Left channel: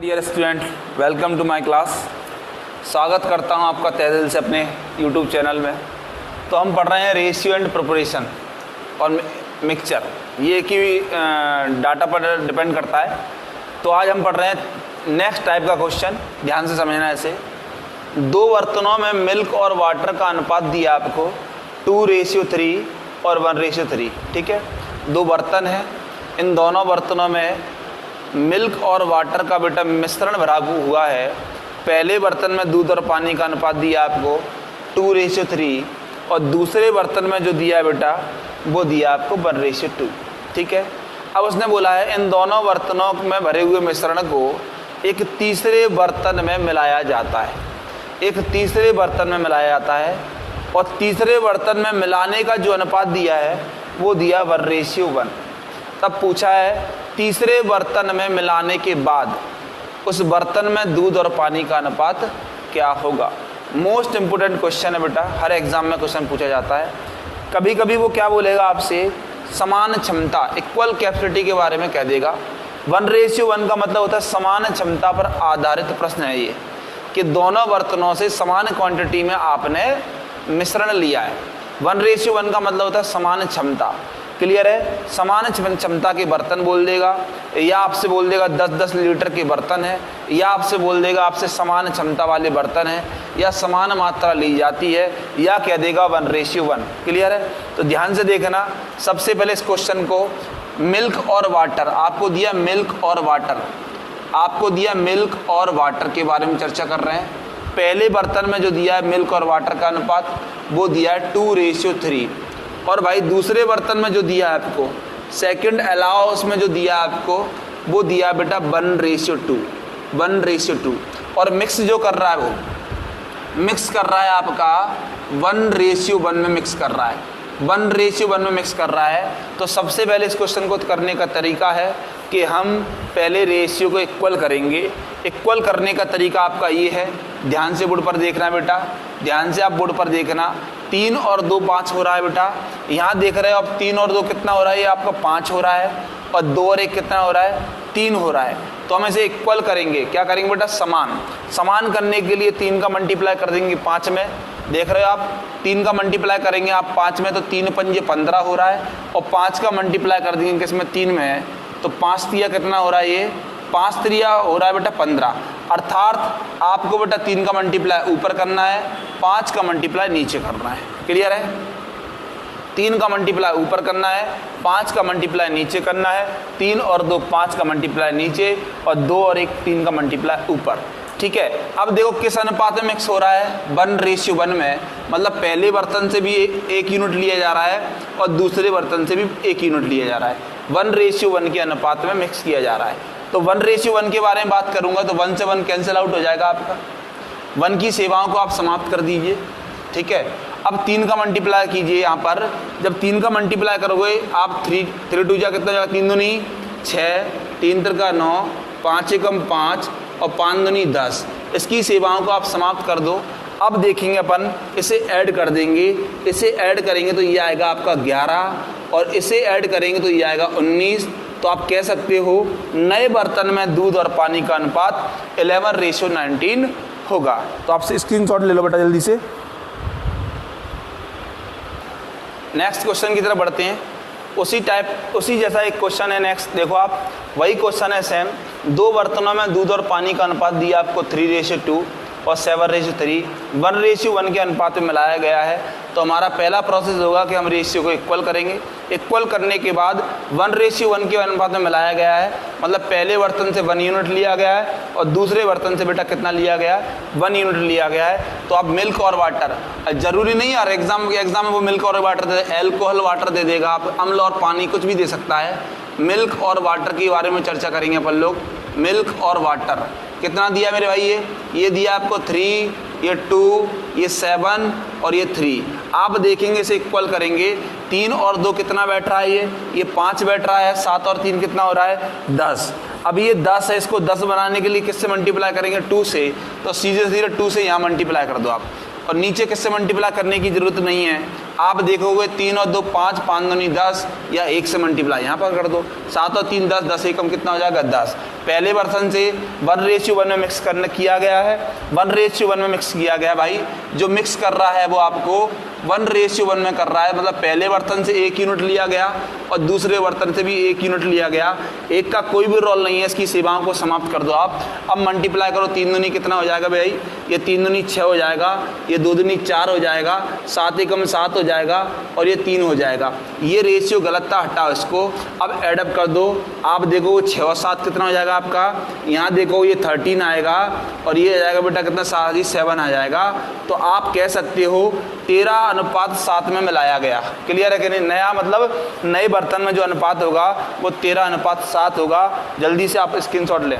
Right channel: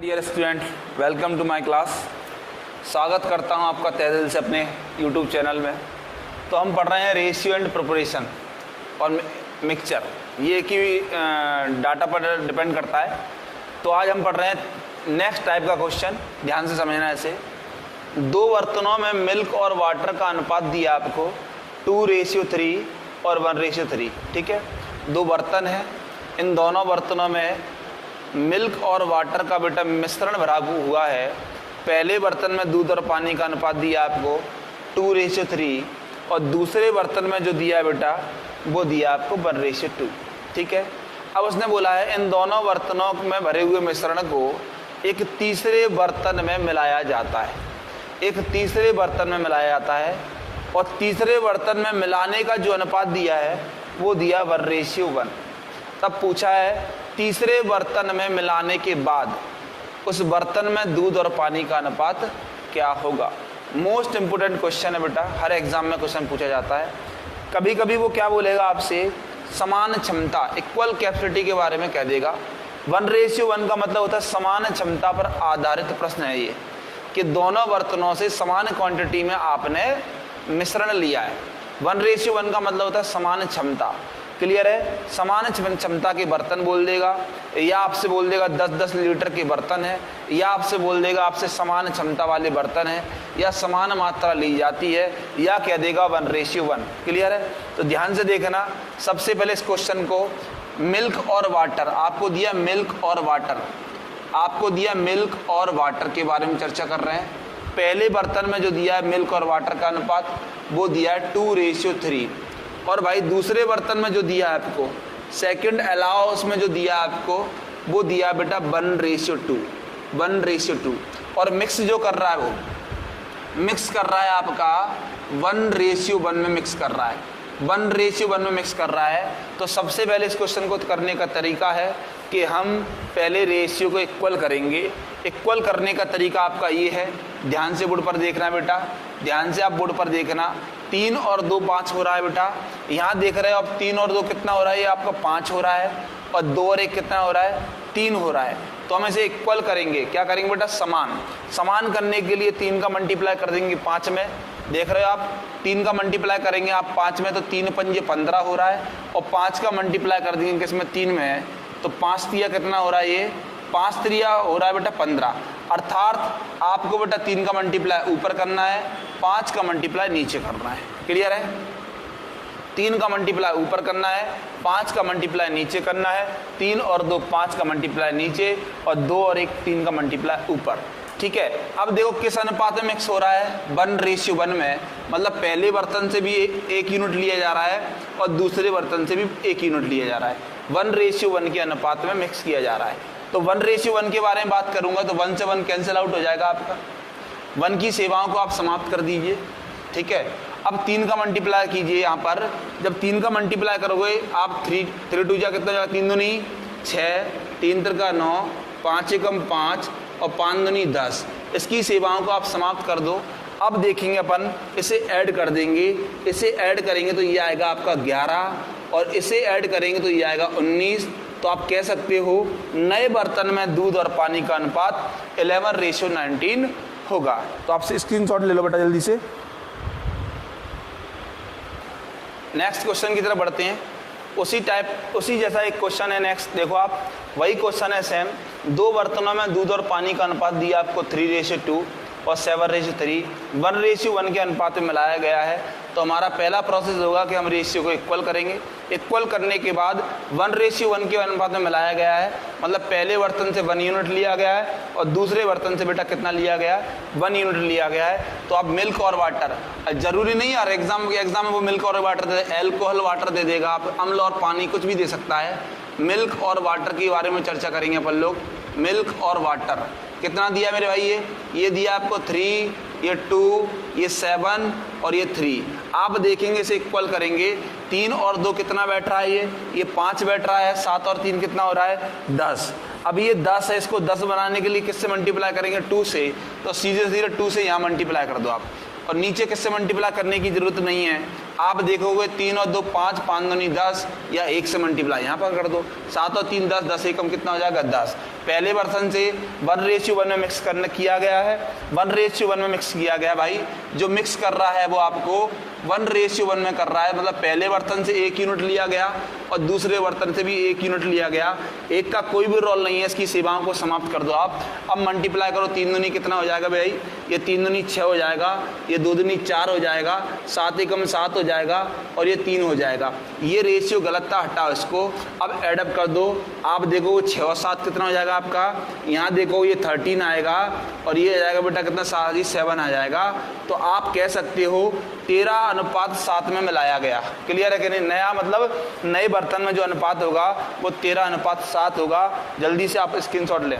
Dear student, welcome to my class. स्वागत करता हूं आपका तहे दिल से अपने यूट्यूब चैनल में। तो हम पढ़ रहे हैं रेशियो एंड प्रोपोर्शन और मिक्सचर, ये एक ही डाटा पर डिपेंड करता है। तो आज हम पढ़ रहे हैं नेक्स्ट टाइप का क्वेश्चन, ध्यान से समझना है इसे। दो बर्तनों में मिल्क और वाटर का अनुपात दिया आपको 2:3 और 1:3। ठीक है, दो बर्तन हैं, इन दोनों बर्तनों में मिल्क और वाटर का बेटा मिश्रण भरा हुआ है। पहले बर्तन में दूध और पानी का अनुपात दिया आपको 2:3 और दूसरे बर्तन में जो दिया है बेटा वो दिया आपको 1:2। ठीक है, अब उसने बोला है इन दोनों बर्तनों में भरे हुए मिश्रण को एक तीसरे बर्तन में मिलाया जाता है। एक तीसरे बर्तन में मिलाया जाता है और तीसरे बर्तन में मिलाने का जो अनुपात दिया है वो दिया 1:1। तब पूछा है तीसरे बर्तन में मिलाने के बाद उस बर्तन में दूध और पानी का अनुपात क्या होगा। मोस्ट इंपोर्टेंट क्वेश्चन है बेटा, हर एग्जाम में क्वेश्चन पूछा जाता है। कभी कभी वो क्या बोलेगा आपसे, समान क्षमता, इक्वल कैपेसिटी के बारे में कह देगा। 1:1 का मतलब होता है समान क्षमता पर आधारित प्रश्न है ये, कि दोनों बर्तनों से समान क्वांटिटी में आपने मिश्रण लिया है। 1:1 का मतलब होता है समान क्षमता। क्लियर है, समान क्षमता के बर्तन बोल देगा, या आपसे बोल देगा 10-10 लीटर के बर्तन है, या आपसे बोल देगा आपसे समान क्षमता वाले बर्तन है, या समान मात्रा ली जाती है, या कह देगा 1:1। क्लियर है, तो ध्यान से देखना। सबसे पहले इस क्वेश्चन को मिल्क और वाटर, आपको दिया मिल्क और वाटर, आपको दिया मिल्क और वाटर के बारे में चर्चा कर रहे हैं। पहले बर्तन में जो दिया है मिल्क और वाटर का अनुपात वो दिया है 2:3 और भाई दूसरे बर्तन में जो दिया है आपको सेकंड अलावा उसमें जो दिया है आपको वो दिया बेटा 1:2 और मिक्स जो कर रहा है वो मिक्स कर रहा है आपका 1:1 में मिक्स कर रहा है, 1:1 में मिक्स कर रहा है। तो सबसे पहले इस क्वेश्चन को करने का तरीका है कि हम पहले रेशियो को इक्वल करेंगे। इक्वल करने का तरीका आपका ये है, ध्यान से बोर्ड पर देखना बेटा, ध्यान से आप बोर्ड पर देखना। 3 और 2 5 हो रहा है बेटा, यहाँ देख रहे हो आप 3 और 2 कितना हो रहा है, ये आपका 5 हो रहा है, और 2 और 1 कितना हो रहा है, 3 हो रहा है। तो हम इसे इक्वल करेंगे, क्या करेंगे बेटा, समान करने के लिए 3 का मल्टीप्लाई कर देंगे 5 में। देख रहे हो आप 3 का मल्टीप्लाई करेंगे आप 5 में तो 3 पंजे 15 हो रहा है, और 5 का मल्टीप्लाई कर देंगे किसमें, 3 में है, तो 5 तिया कितना हो रहा है, ये 5 तिया हो रहा है बेटा 15। अर्थात आपको बेटा 3 का मल्टीप्लाई ऊपर करना है, 5 का मल्टीप्लाई नीचे करना है। क्लियर है, 3 का मल्टीप्लाई ऊपर करना है, 5 का मल्टीप्लाई नीचे करना है। 3 और 2 5 का मल्टीप्लाई नीचे, और 2 और 1 3 का मल्टीप्लाई ऊपर। ठीक है, अब देखो किस अनुपात में मिक्स हो रहा है, 1:1 में, मतलब पहले बर्तन से भी 1 यूनिट लिया जा रहा है और दूसरे बर्तन से भी 1 यूनिट लिया जा रहा है। 1:1 के अनुपात में मिक्स किया जा रहा है। तो 1:1 के बारे में बात करूंगा तो 1 से 1 कैंसिल आउट हो जाएगा आपका, 1 की सेवाओं को आप समाप्त कर दीजिए। ठीक है, अब 3 का मल्टीप्लाई कीजिए। यहाँ पर जब 3 का मल्टीप्लाई करोगे आप 3 2 जा कितना जाएगा, 3 दूनी 6, 3 3 9, 5 एकम 5 और 5 दूनी 10। इसकी सेवाओं को आप समाप्त कर दो। अब देखेंगे अपन इसे ऐड कर देंगे, इसे ऐड करेंगे तो ये आएगा आपका 11 और इसे ऐड करेंगे तो ये आएगा 19। तो आप कह सकते हो नए बर्तन में दूध और पानी का अनुपात 11:19 होगा। तो आपसे स्क्रीनशॉट ले लो बेटा जल्दी से। नेक्स्ट क्वेश्चन की तरफ बढ़ते हैं। उसी जैसा एक क्वेश्चन है नेक्स्ट, देखो आप, वही क्वेश्चन है सेम। दो बर्तनों में दूध और पानी का अनुपात दिया आपको 3:2 और 7:3, 1:1 के अनुपात में मिलाया गया है। तो हमारा पहला प्रोसेस होगा कि हम रेशियो को इक्वल करेंगे। इक्वल करने के बाद 1:1 के अनुपात में मिलाया गया है, मतलब पहले बर्तन से 1 यूनिट लिया गया है और दूसरे बर्तन से बेटा कितना लिया गया है, 1 यूनिट लिया गया है। तो अब मिल्क और वाटर, जरूरी नहीं यार एग्जाम में वो मिल्क और वाटर दे, एल्कोहल वाटर दे देगा, आप अम्ल और पानी कुछ भी दे सकता है। मिल्क और वाटर के बारे में चर्चा करेंगे अपन लोग। मिल्क और वाटर कितना दिया मेरे भाई, ये दिया आपको 3, ये 2, ये 7 और ये 3। आप देखेंगे इसे इक्वल करेंगे, 3 और 2 कितना बैठ रहा है, ये 5 बैठ रहा है, 7 और 3 कितना हो रहा है, 10। अब ये 10 है, इसको 10 बनाने के लिए किससे मल्टीप्लाई करेंगे, 2 से। तो सीधे सीधे 2 से यहाँ मल्टीप्लाई कर दो आप, और नीचे किससे मल्टीप्लाई करने की जरूरत नहीं है, आप देखोगे 3 और 2 5, 5 दूनी 10, या 1 से मल्टीप्लाई यहाँ पर कर दो, 7 और 3 10, 10 एकम कितना हो जाएगा 10। पहले बर्तन से 1:1 में मिक्स करने किया गया है, 1:1 में मिक्स किया गया है भाई। जो मिक्स कर रहा है वो आपको 1:1 में कर रहा है, मतलब पहले बर्तन से 1 यूनिट लिया गया और दूसरे बर्तन से भी 1 यूनिट लिया गया। एक का कोई भी रोल नहीं है, इसकी सेवाओं को समाप्त कर दो आप। अब मल्टीप्लाई करो, 3 दूनी कितना हो जाएगा भाई, ये 3 दूनी 6 हो जाएगा, ये 2 दूनी 4 हो जाएगा, 7 एकम 7 हो जाएगा और ये 3 हो जाएगा। ये रेशियो गलत था, हटाओ इसको। अब एडअप कर दो, आप देखो 6 और 7 कितना हो जाएगा आपका, यहाँ देखो ये 13 आएगा और ये आ जाएगा बेटा कितना 7 आ जाएगा। तो आप कह सकते हो 13:7 में मिलाया गया। क्लियर है कि नहीं? नया मतलब नए बर्तन में जो अनुपात होगा वो 13:7 होगा। जल्दी से आप स्क्रीनशॉट लें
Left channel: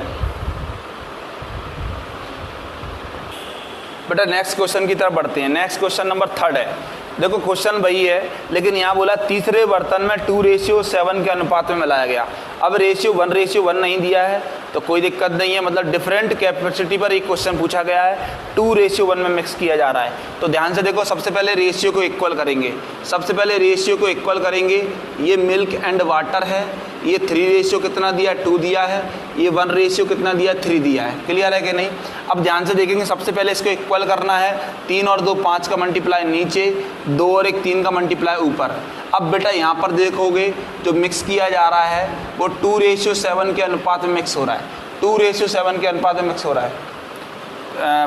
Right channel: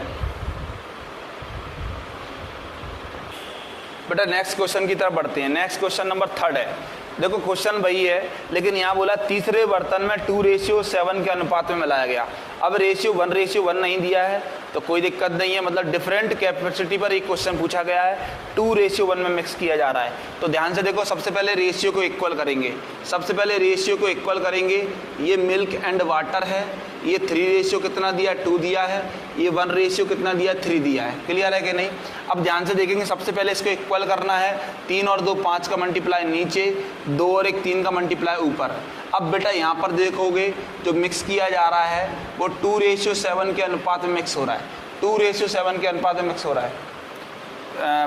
बेटा। नेक्स्ट क्वेश्चन की तरफ बढ़ते हैं। नेक्स्ट क्वेश्चन नंबर 3 है। देखो क्वेश्चन वही है, लेकिन यहाँ बोला तीसरे बर्तन में 2:7 के अनुपात में मिलाया गया। अब रेशियो 1:1 नहीं दिया है तो कोई दिक्कत नहीं है, मतलब डिफरेंट कैपेसिटी पर एक क्वेश्चन पूछा गया है, 2:1 में मिक्स किया जा रहा है। तो ध्यान से देखो, सबसे पहले रेशियो को इक्वल करेंगे, सबसे पहले रेशियो को इक्वल करेंगे। ये मिल्क एंड वाटर है, ये 3 कितना दिया 2 दिया है, ये 1 कितना दिया 3 दिया है। क्लियर है कि नहीं? अब ध्यान से देखेंगे, सबसे पहले इसको इक्वल करना है। 3 और 2 5 का मल्टीप्लाई नीचे, 2 और 1 3 का मल्टीप्लाई ऊपर। अब बेटा यहाँ पर देखोगे जो मिक्स किया जा रहा है वो 2:7 के अनुपात में मिक्स हो रहा है, 2:7 के अनुपात में मिक्स हो रहा है।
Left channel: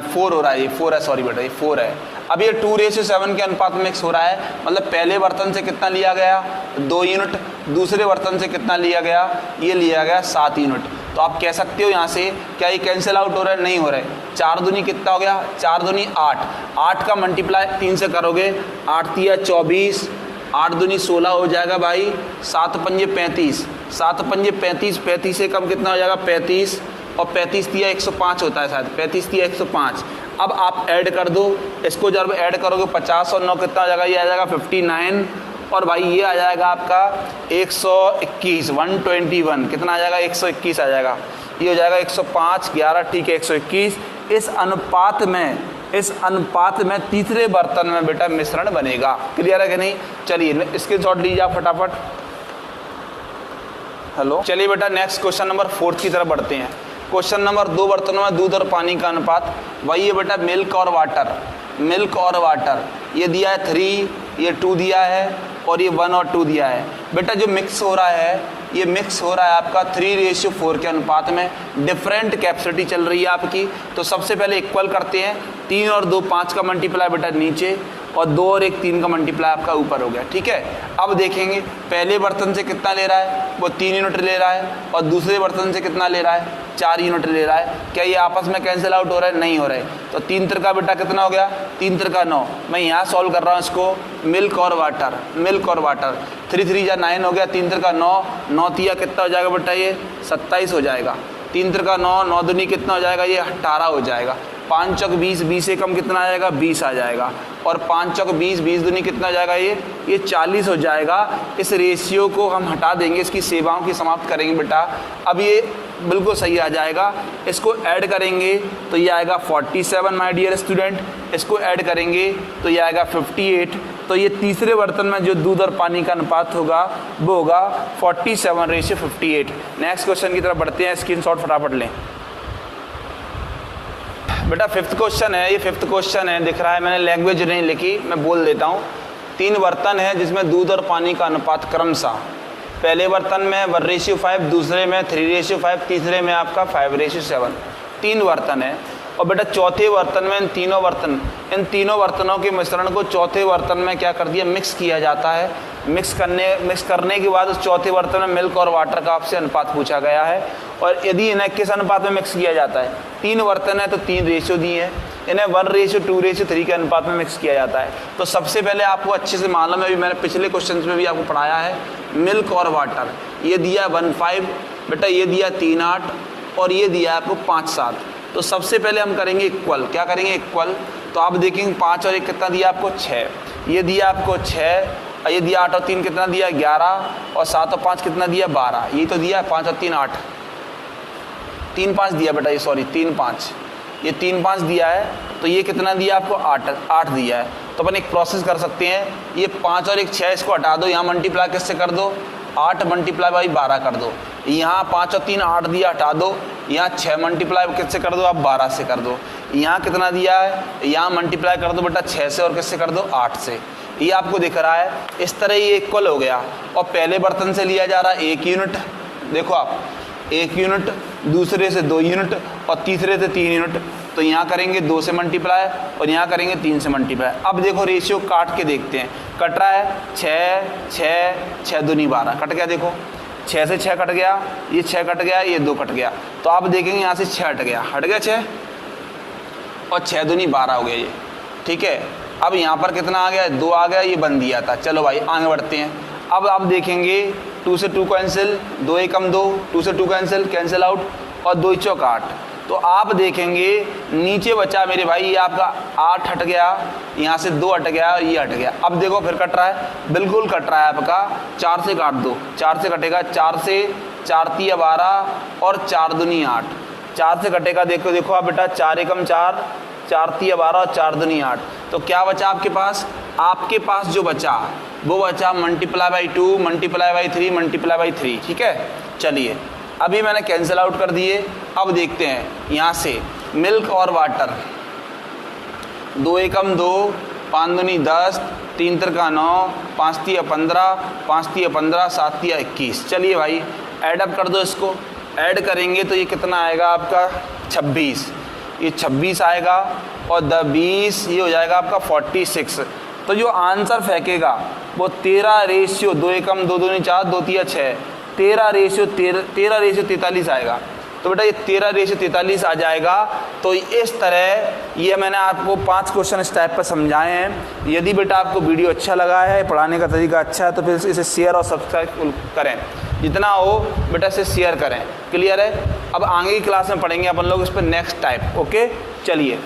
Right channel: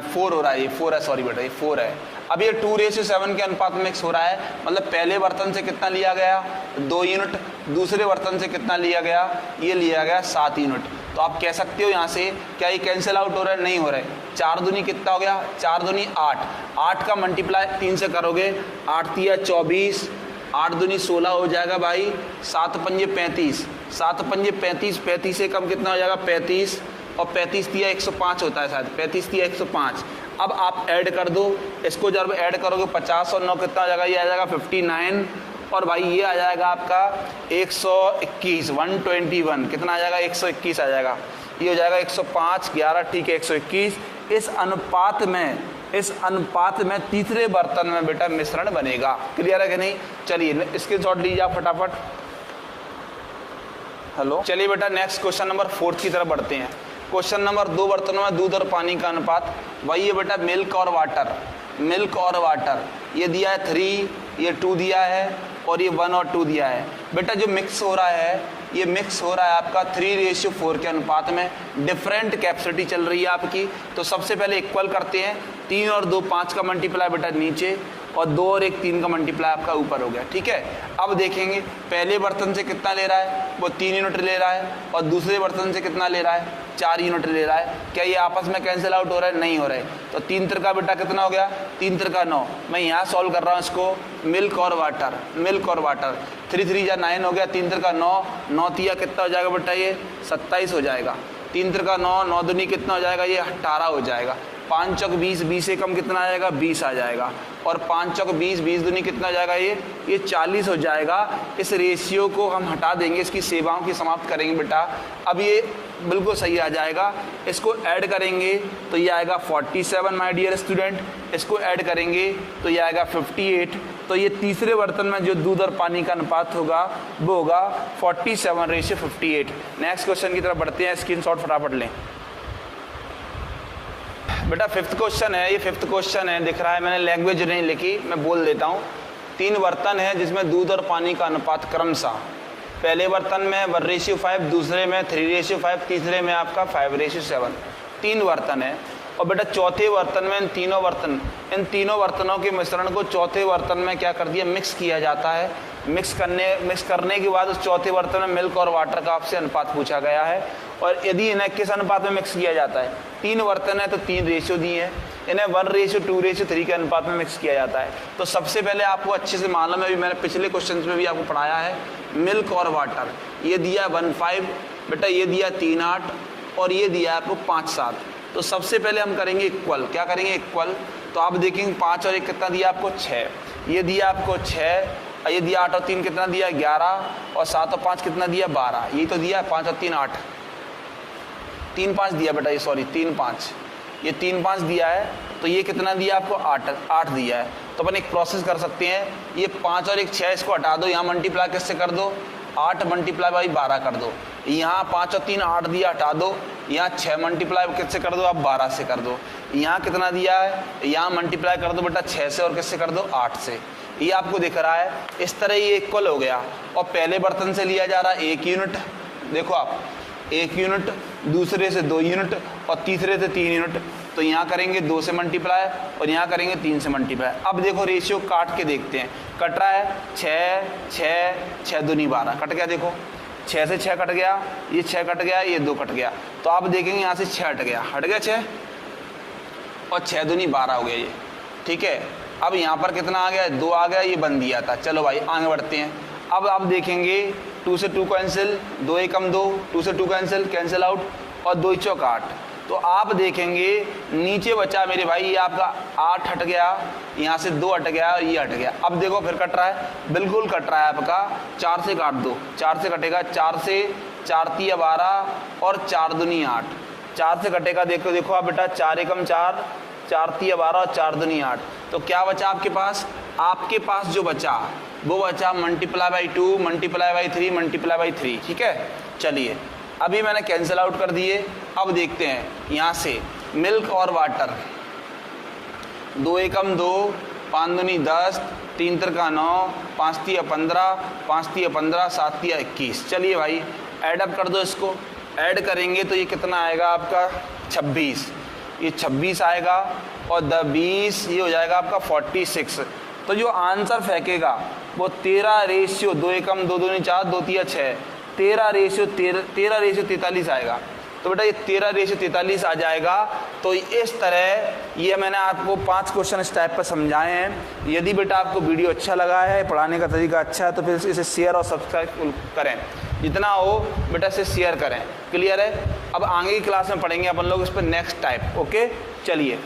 4 हो रहा है, ये 4 है, सॉरी बेटा ये 4 है। अब ये 2:7 के अनुपात में मिक्स हो रहा है, मतलब पहले बर्तन से कितना लिया गया 2 यूनिट, दूसरे बर्तन से कितना लिया गया, ये लिया गया 7 यूनिट। तो आप कह सकते हो यहाँ से, क्या ये कैंसिल आउट हो रहा है? नहीं हो रहा है। 4 दूनी कितना हो गया, 4 दूनी 8, 8 का मल्टीप्लाई 3 से करोगे, 8 तिया 24, 8 दूनी 16 हो जाएगा भाई, 7 पंजे 35, 7 पंजे 35, 35 से कम कितना हो जाएगा 35, और 35 तिया 105 होता है शायद, 35 तिया 105। अब आप ऐड कर दो इसको, जब ऐड करोगे 50 और 9 कितना हो जाएगा, ये आ जाएगा 59, और भाई ये आ जाएगा आपका 121, 121 कितना आ जाएगा 121 आ जाएगा, ये हो जाएगा 105, 11 ठीक है 121। इस अनुपात में तीसरे बर्तन में बेटा मिश्रण बनेगा। क्लियर है कि नहीं? चलिए स्क्रीनशॉट लीजिए आप फटाफट। हेलो, चलिए बेटा नेक्स्ट क्वेश्चन नंबर 4 की तरफ बढ़ते हैं। क्वेश्चन नंबर 2 बर्तनों में दूध और पानी का अनुपात, वही है बेटा मिल्क और वाटर, मिल्क और वाटर। ये दिया है 3, ये 2 दिया है और ये 1 और 2 दिया है। बेटा जो मिक्स हो रहा है ये मिक्स हो रहा है आपका 3:4 के अनुपात में, डिफरेंट कैपेसिटी चल रही है आपकी। तो सबसे पहले इक्वल करते हैं, 3 और 2 5 का मल्टीप्लाई बेटा नीचे, और 2 और 1 3 का मल्टीप्लाई आपका ऊपर हो गया। ठीक है, अब देखेंगे पहले बर्तन से कितना ले रहा है, वो 3 यूनिट ले रहा है, और दूसरे बर्तन से कितना ले रहा है 4 यूनिट ले रहा है। क्या ये आपस में कैंसिल आउट हो रहा है? नहीं हो रहा है। तो 3 तिरका बेटा कितना हो गया, 3 तिरका 9। मैं यहाँ सॉल्व कर रहा हूँ इसको, मिल्क और वाटर, मिल्क और वाटर, 3 3 जा 9 हो गया, 3 तिरका 9, 9 तिया कितना हो जाएगा बेटा, ये 27 हो जाएगा। 3 तिरका 9, 9 दूनी कितना हो जाएगा, ये 18 हो जाएगा। 5 चौक 20, 20 से कम कितना आ जाएगा 20 आ जाएगा, और 5 चौक 20, 20 दूनी कितना आ जाएगा, ये 40 हो जाएगा। इस रेशियो को हम हटा देंगे, इसकी सेवाओं की समाप्त करेंगे बेटा। अब ये बिल्कुल सही आ जाएगा। इसको ऐड करेंगे तो ये आएगा 47 माय डियर स्टूडेंट, इसको ऐड करेंगे तो ये आएगा 58। तो ये तीसरे बर्तन में जो दूध और पानी का अनुपात होगा वो होगा 47:58। नेक्स्ट क्वेश्चन की तरफ बढ़ते हैं, स्क्रीनशॉट फटाफट लें बेटा। 5th क्वेश्चन है, ये 5th क्वेश्चन है, दिख रहा है, मैंने लैंग्वेज नहीं लिखी, मैं बोल देता हूँ। 3 बर्तन है जिसमें दूध और पानी का अनुपात क्रमशः पहले बर्तन में 1:5, दूसरे में 3:5, तीसरे में आपका 5:7। 3 बर्तन है, और बेटा चौथे बर्तन में इन तीनों बर्तनों के मिश्रण को चौथे बर्तन में क्या कर दिया, मिक्स किया जाता है। मिक्स करने के बाद उस चौथे बर्तन में मिल्क और वाटर का आपसे अनुपात पूछा गया है, और यदि इन्हें किस अनुपात में मिक्स किया जाता है, 3 बर्तन है तो 3 रेशियो दिए हैं, इन्हें 1:2:3 के अनुपात में मिक्स किया जाता है। तो सबसे पहले आपको अच्छे से मालूम है, अभी मैंने पिछले क्वेश्चन में भी आपको पढ़ाया है, मिल्क और वाटर ये दिया 1:5 बेटा, ये दिया 3:8, और ये दिया आपको 5:7। तो सबसे पहले हम करेंगे इक्वल। क्या करेंगे, इक्वल। तो आप देखेंगे 5 और 1 कितना दिया आपको 6, ये दिया आपको 6, और ये दिया 8 और 3 कितना दिया 11, और 7 और 5 कितना दिया 12, ये तो दिया 5 और 3 8, 3 5 दिया बेटा, ये सॉरी 3 5, ये 3 5 दिया है। तो ये कितना दिया आपको 8 दिया है। तो अपन एक प्रोसेस कर सकते हैं, ये 5 और 1 6, इसको हटा दो, यहाँ मल्टीप्लाई किससे कर दो 8 मल्टीप्लाई बाई 12 कर दो, यहाँ 5 और 3 8 दिया, हटा दो, यहाँ 6 मल्टीप्लाई किससे कर दो आप 12 से कर दो, यहाँ कितना दिया है, यहाँ मल्टीप्लाई कर दो बेटा 6 से और किससे कर दो 8 से, ये आपको दिख रहा है। इस तरह ये इक्वल हो गया और पहले बर्तन से लिया जा रहा है 1 यूनिट, देखो आप 1 यूनिट, दूसरे से 2 यूनिट और तीसरे से 3 यूनिट, तो यहाँ करेंगे 2 से मल्टीप्लाई और यहाँ करेंगे 3 से मल्टीप्लाई। अब देखो रेशियो काट के देखते हैं, कट रहा है 6 6 6 दूनी 12 कट गया, देखो 6 से 6 कट गया, ये 6 कट गया, ये 2 कट गया, तो आप देखेंगे यहाँ से 6 हट गया 6 और 6 दूनी 12 हो गया ये, ठीक है। अब यहाँ पर कितना आ गया 2 आ गया, ये बन दिया था। चलो भाई आगे बढ़ते हैं। अब आप देखेंगे 2 से 2 कैंसिल, 2 एकम 2, 2 से 2 कैंसिल आउट और 2 चौक 8, तो आप देखेंगे नीचे बचा मेरे भाई ये आपका 8 हट गया, यहाँ से 2 हट गया, ये हट गया। अब देखो फिर कट रहा है, बिल्कुल कट रहा है आपका, 4 से काट दो, 4 से कटेगा, 4 से 4 तिया 12 और 4 दूनी 8, 4 से कटेगा, देखो देखो आप बेटा 4 एकम 4, 4 तिया 12 और 4 दूनी 8, तो क्या बचा आपके पास? आपके पास जो बचा वो बचा multiply by 2 multiply by 3 multiply by 3, ठीक है। चलिए अभी मैंने कैंसिल आउट कर दिए। अब देखते हैं यहाँ से मिल्क और वाटर, 2 एकम 2, 5 दूनी 10, 3 तिरका 9, 5 तिया 15, 5 तिया 15, 7 तिया 21। चलिए भाई ऐड अप कर दो, इसको ऐड करेंगे तो ये कितना आएगा आपका 26, ये 26 आएगा और 20 ये हो जाएगा आपका 46। तो जो आंसर फेंकेगा वो 13 रेशियो 2 एकम 2 दूनी 4, 2 तिया 6, 13 रेशियो 43 आएगा। तो बेटा ये 13 रेशियो 43 आ जाएगा। तो इस तरह ये मैंने आपको 5 क्वेश्चन इस टाइप पर समझाए हैं। यदि बेटा आपको वीडियो अच्छा लगा है, पढ़ाने का तरीका अच्छा है, तो फिर इसे शेयर और सब्सक्राइब करें, जितना हो बेटा इसे शेयर करें। क्लियर है? अब आगे की क्लास में पढ़ेंगे अपन लोग इस पर नेक्स्ट टाइप। ओके चलिए।